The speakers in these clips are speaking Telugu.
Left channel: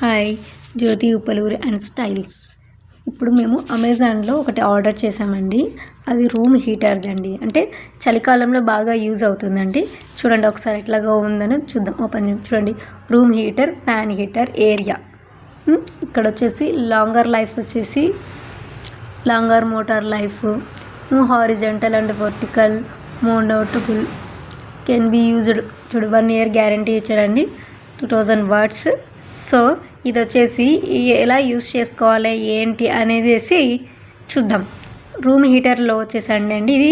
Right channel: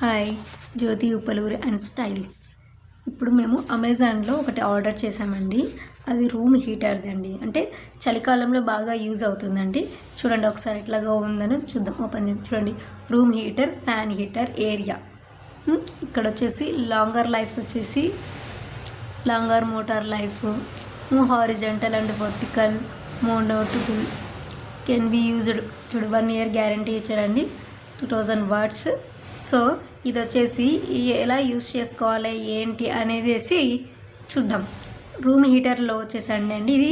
Hi Jyoti Uppaluri and styles. ఇప్పుడు మేము అమెజాన్లో ఒకటి ఆర్డర్ చేసామండి. అది రూమ్ హీటర్ది అండి. అంటే చలికాలంలో బాగా యూజ్ అవుతుందండి. చూడండి ఒకసారి ఎట్లాగా ఉందని చూద్దాం. ఓపెన్ చేసి చూడండి. Room heater, fan heater, area. ఇక్కడ వచ్చేసి లాంగర్ లైఫ్ వచ్చేసి longer motor life, horizontal and vertical, mountable, can be used. చూడు 1 year గ్యారంటీ ఇచ్చారండి. 2000 watts. సో ఇది వచ్చేసి ఎలా యూస్ చేసుకోవాలి ఏంటి అనేది చూద్దాం. రూమ్ హీటర్లో వచ్చేసండి ఇది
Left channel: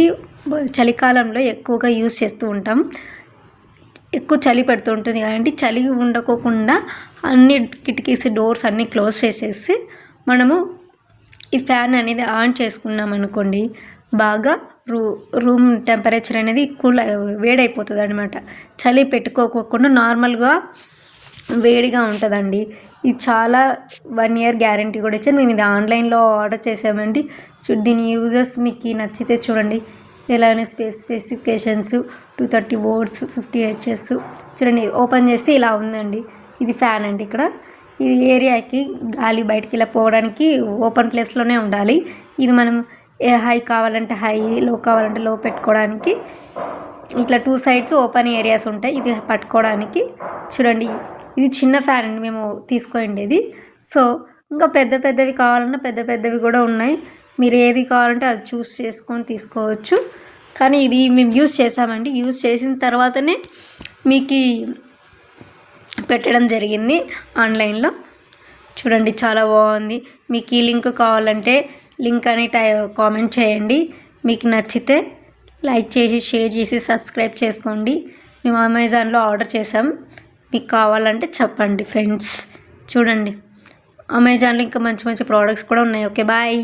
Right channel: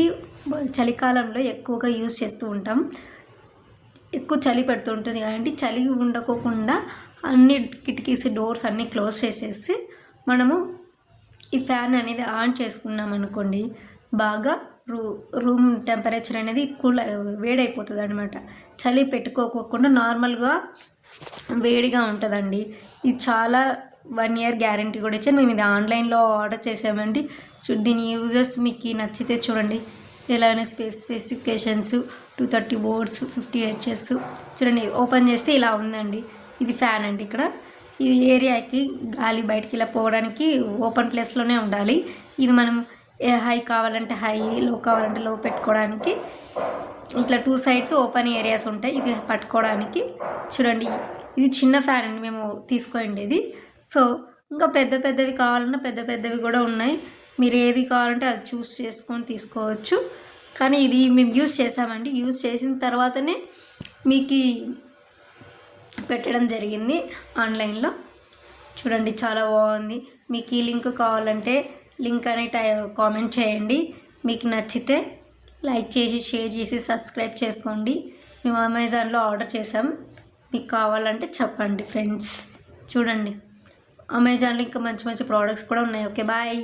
చలికాలంలో ఎక్కువగా యూస్ చేస్తూ ఉంటాం. ఎక్కువ చలి పెడుతూ ఉంటుంది కాబట్టి చలి ఉండకోకుండా అన్ని కిటికీస్ డోర్స్ అన్నీ క్లోజ్ చేసేసి మనము ఈ ఫ్యాన్ అనేది ఆన్ చేసుకున్నాం అనుకోండి, బాగా రూమ్ టెంపరేచర్ అనేది కూల్ వేడైపోతుంది అనమాట. చలి పెట్టుకోకుండా నార్మల్గా వేడిగా ఉంటుందండి. ఇది చాలా 1 year గ్యారంటీ కూడా ఇచ్చాను. మేము ఇది ఆన్లైన్లో ఆర్డర్ చేసామండి. దీని యూజెస్ మీకు నచ్చితే చూడండి. ఎలానే స్పెసిఫికేషన్స్ 230 volts, 50 Hz. చూడండి ఓపెన్ చేస్తే ఇలా ఉందండి. ఇది ఫ్యాన్ అండి. ఇక్కడ ఇది ఏరియాకి గాలి బయటికి ఇలా పోవడానికి ఓపెన్ ప్లేస్లోనే ఉండాలి. ఇది మనం హై కావాలంటే హై, లో కావాలంటే లో పెట్టుకోవడానికి ఇట్లా 2 sides ఓపెన్ ఏరియాస్ ఉంటాయి. ఇది పట్టుకోవడానికి చూడండి. ఇది చిన్న ఫ్యాన్ అండి మేము తీసుకోండి. సో ఇంకా పెద్దవి కావాలన్నా పెద్దవి కూడా ఉన్నాయి. మీరు ఏది కావాలంటే అది చూస్ చేసుకొని తీసుకోవచ్చు. కానీ ఇది మేము యూస్ చేసామండి. యూస్ చేసిన తర్వాతనే మీకు పెట్టడం జరిగింది ఆన్లైన్లో. చూడండి చాలా బాగుంది. మీకు ఈ లింక్ కావాలంటే లింక్ అని కామెంట్ చేయండి. మీకు నచ్చితే లైక్ చేసి, షేర్ చేసి, సబ్స్క్రైబ్ చేసుకోండి. మేము అమెజాన్లో ఆర్డర్ చేసాం. మీకు కావాలంటే చెప్పండి ఫ్రెండ్స్. చూడండి అమెజాన్లో ఇంకా మంచి ప్రోడక్ట్స్ కూడా ఉన్నాయి. Okay bye.